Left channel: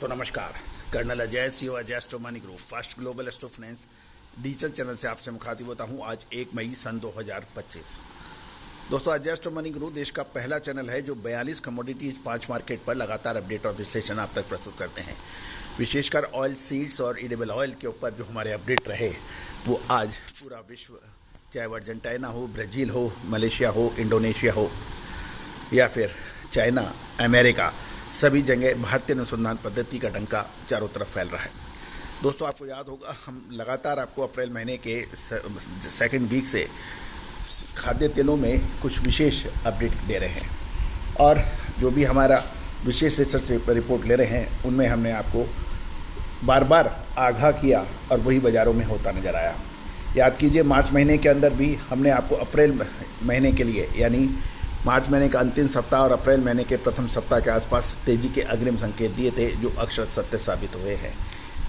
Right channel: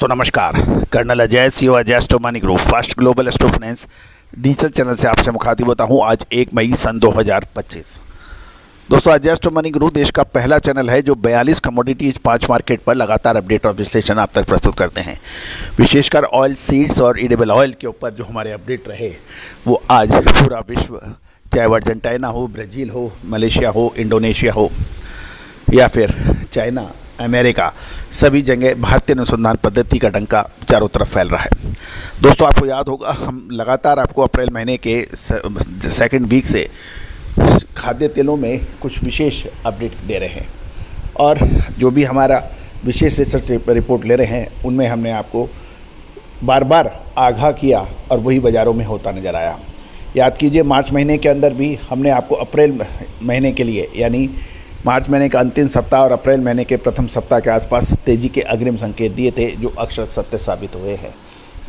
दोस्तों नमस्कार। Colonel Ajay CO Ajay स्टो money group first global स्टो finance digital channel से आपसे मुखातिब होता हूं। आज 1 मई सन 2025। दोस्तों अजय स्टो मनी ग्रुप देश का पहला चैनल है जो 42 कमोडिटीज 5 मार्केट पर लगातार अपडेट और विश्लेषण आप तक प्रस्तुत करते हैं। विशेषकर ऑयल सीड्स और एडिबल ऑयल के ऊपर जो हमारे अपडेट रहे वो आज पूरा विश्व, चाहे वो अर्जेंटीना हो, ब्राज़ील हो, मलेशिया हो, इंडोनेशिया हो या फिर चाइना, अमेरिका, सभी जगह भारतीय अनुसंधान पद्धति का डंका चारों तरफ फैल रहा है। दोस्तों आपको याद होगा हम लगातार आपको अप्रैल महीने के सेकंड वीक से खाद्य तेलों में कुछ विशेष अपडेट दे रहे हैं और जो भी हमारा विशेष रिसर्च रिपोर्ट ले रहे हैं उनमें हमने आपको बार बार आगाह किया और वही बाज़ारों में होता नज़र आया। याद कीजिए मार्च महीने के अंदर भी हमने आपको अप्रैल महीने के लिए यानी मार्च महीने का अंतिम सप्ताह और अप्रैल महीने के प्रथम सप्ताह के आसपास तेज़ी के अग्रिम संकेत दिए थे जो अक्षर सत्य साबित हुए हैं।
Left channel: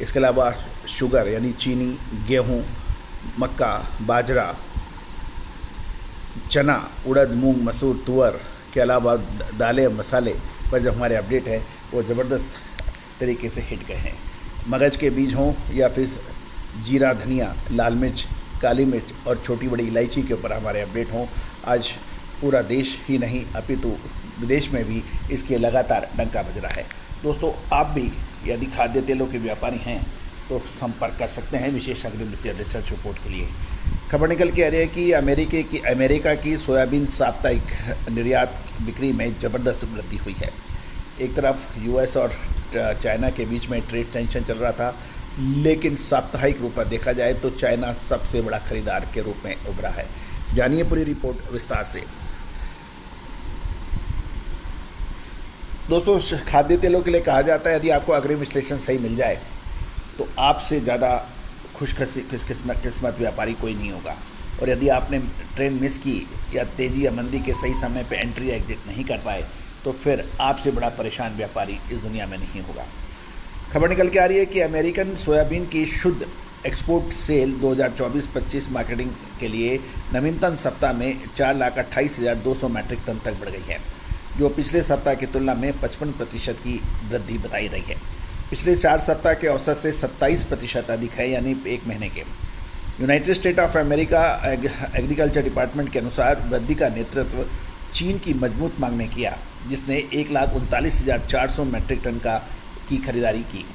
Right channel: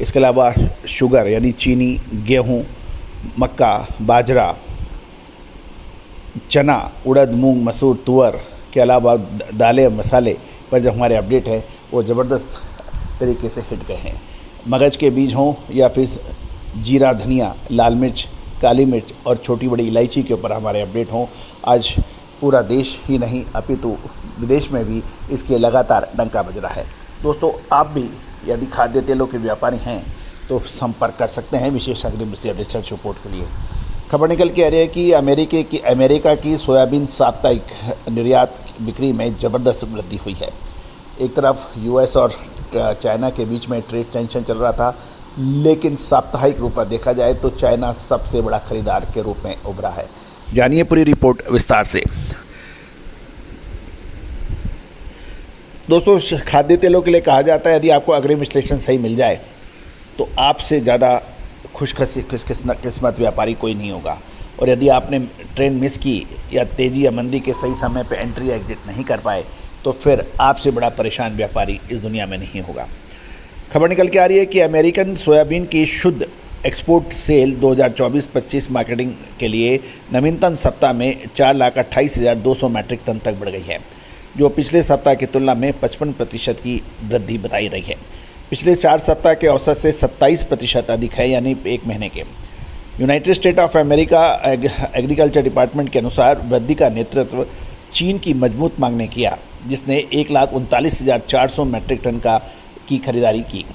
इसके अलावा शुगर यानी चीनी, गेहूं, मक्का, बाजरा, चना, उड़द, मूंग, मसूर, तुअर के अलावा दालें, मसाले पर जो हमारे अपडेट हैं वो ज़बरदस्त तरीके से हिट गए हैं। मगज के बीज हों या फिर जीरा, धनिया, लाल मिर्च, काली मिर्च और छोटी बड़ी इलायची के ऊपर हमारे अपडेट हों। आज पूरा देश ही नहीं अपितु विदेश में भी इसके लगातार डंका बज रहा है। दोस्तों आप भी यदि खाद्य तेलों के व्यापारी हैं तो संपर्क कर सकते हैं विशेष अग्रिम रिसर्च रिपोर्ट के लिए। खबर निकल के आ रही है कि अमेरिका की सोयाबीन साप्ताहिक निर्यात बिक्री में ज़बरदस्त वृद्धि हुई है। एक तरफ यूएस और चाइना के बीच में ट्रेड टेंशन चल रहा था, लेकिन साप्ताहिक रूप में देखा जाए तो चाइना सबसे बड़ा खरीदार के रूप में उभरा है। जानिए पूरी रिपोर्ट विस्तार से। दोस्तों खाद्य तेलों के लिए कहा जाता है यदि आपको अग्रिम विश्लेषण सही मिल जाए तो आपसे ज़्यादा खुशकिस्मत व्यापारी कोई नहीं होगा। और यदि आपने ट्रेन मिस की या तेज़ी या मंदी के सही समय पर एंट्री एग्जिट नहीं कर पाए तो फिर आपसे बड़ा परेशान व्यापारी इस दुनिया में नहीं होगा। खबर निकल के आ रही है कि अमेरिकन सोयाबीन की शुद्ध एक्सपोर्ट सेल 2024-25 मार्केटिंग के लिए नवीनतम सप्ताह में 4,28,200 मैट्रिक टन तक बढ़ गई है, जो पिछले सप्ताह की तुलना में 55% की वृद्धि बताई रही है। पिछले 4 सप्ताह के औसत से 27% अधिक है, यानी एक महीने के। United state of America agriculture department के अनुसार वृद्धि का नेतृत्व चीन की मजबूत मांग ने किया, जिसने 1,39,400 मैट्रिक टन की खरीदारी की।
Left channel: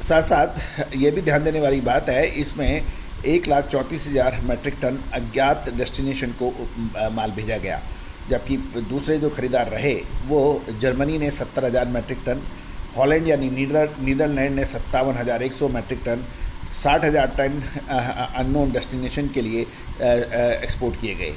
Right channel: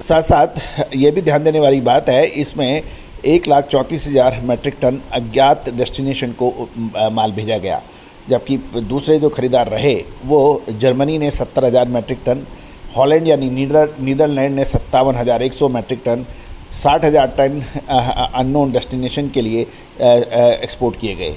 साथ साथ ये भी ध्यान देने वाली बात है, इसमें 1,34,000 मैट्रिक टन अज्ञात डेस्टिनेशन को माल भेजा गया, जबकि दूसरे जो खरीदार रहे वो जर्मनी ने 70,000 मैट्रिक टन, हॉलैंड यानी नीदरलैंड ने 57,100 metric ton, 60,000 ton unknown destination के लिए एक्सपोर्ट किए गए।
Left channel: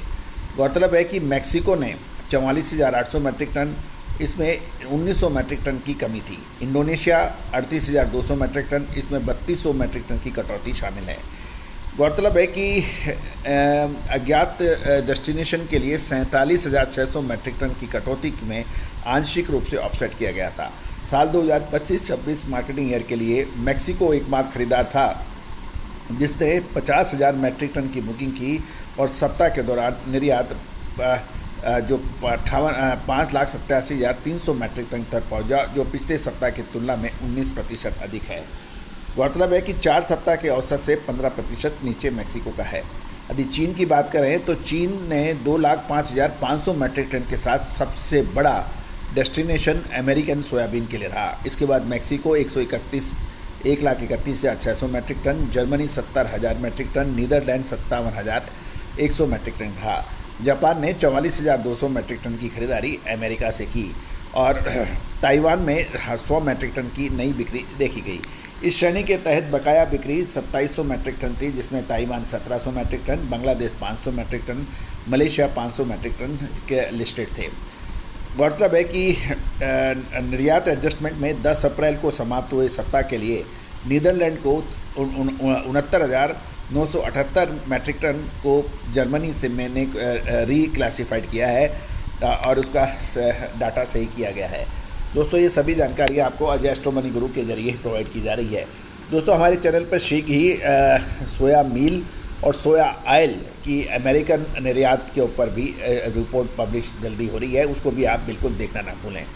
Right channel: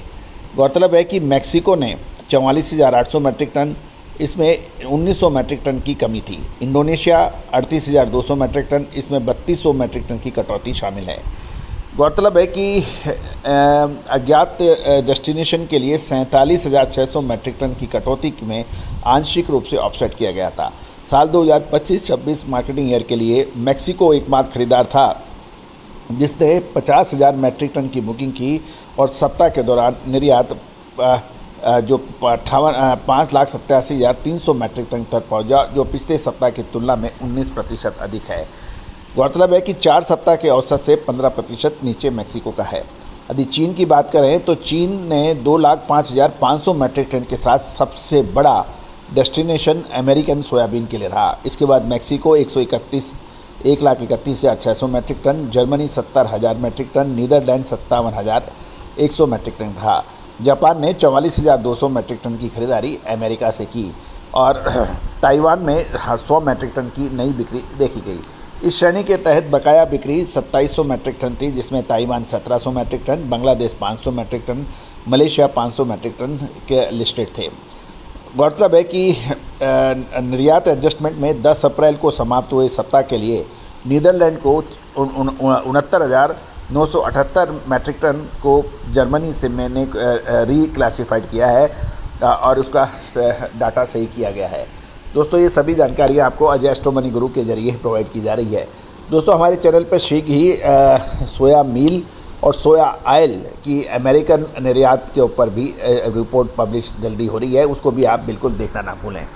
गौरतलब है कि मैक्सिको ने 44,800 मैट्रिक टन, इसमें 1,900 मैट्रिक टन की कमी थी। इंडोनेशिया 38,200 मैट्रिक टन, इसमें 3,200 मैट्रिक टन की कटौती शामिल है। गौरतलब है कि अज्ञात डेस्टिनेशन के लिए 47,600 मैट्रिक टन की कटौती में आंशिक रूप से ऑफसेट किया गया था। साल 2025-26 मार्केटिंग ईयर के लिए मैक्सिको एकमात्र खरीदार था जिसने 50,000 मैट्रिक टन की बुकिंग की और सप्ताह के दौरान निर्यात जो 5,87,300 मैट्रिक टन तक पहुंचा, जो पिछले सप्ताह की तुलना में 19% अधिक है। गौरतलब है कि 4 सप्ताह के औसत से 15% नीचे मैक्सिको का है। यदि चीन की बात करें तो चीन ने 2,05,500 मैट्रिक टन के साथ सबसे बड़ा डेस्टिनेशन अमेरिकन सोयाबीन के लिए रहा। इसके बाद Mexico 1,31,600 metric ton, Germany 70,000 metric ton, Netherland 57,100 metric ton रहा। जापान ने 44,200 मैट्रिक टन की खरीदारी अमेरिका से की और ताइवान में 100 मैट्रिक टन की नई बिक्री देखी गई। इस श्रेणी के तहत बकाया बिक्री 2,700 मैट्रिक टन थी, जिसमें Taiwan 1,700 metric ton, Bangladesh 500 metric ton, Malaysia 500 metric ton के लिस्टेड थे। गौरतलब है कि निर्यात एडजस्टमेंट में 10 अप्रैल को समाप्त हुए सप्ताह के लिए नीदरलैंड को 69,978 मैट्रिक टन को जर्मनी से मैंने रीक्लासिफाइड किया है और उसका डाटा सही किया गया है। दोस्तों ये सभी जानकारियाँ आपको अजय स्टो मनी ग्रुप के जरिए प्रोवाइड की जा रही है। दोस्तों हमारे चैनल पर शीघ्र ही सोया मील और सोया ऑयल की अमेरिकन निर्यात के ऊपर भी रिपोर्ट पब्लिश जल्दी हो रही है, उसको भी आप बिल्कुल देखना ना भूलें।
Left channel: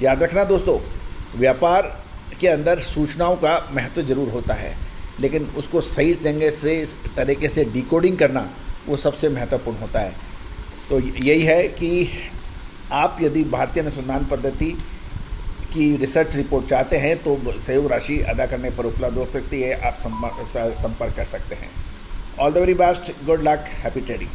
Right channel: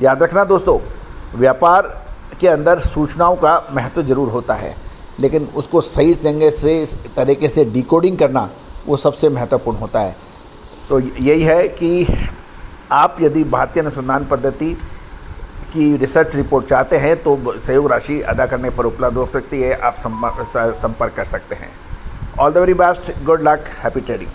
याद रखना दोस्तों, व्यापार के अंदर सूचनाओं का महत्व जरूर होता है, लेकिन उसको सही तरीके से डिकोडिंग करना वो सबसे महत्वपूर्ण होता है। तो यही है कि आप यदि भारतीय अनुसंधान पद्धति की रिसर्च रिपोर्ट चाहते हैं तो सहयोग राशि अदा करने पर उपलब्ध हो सकती है, आप संपर्क कर सकते हैं। All the very best, good luck, happy trading.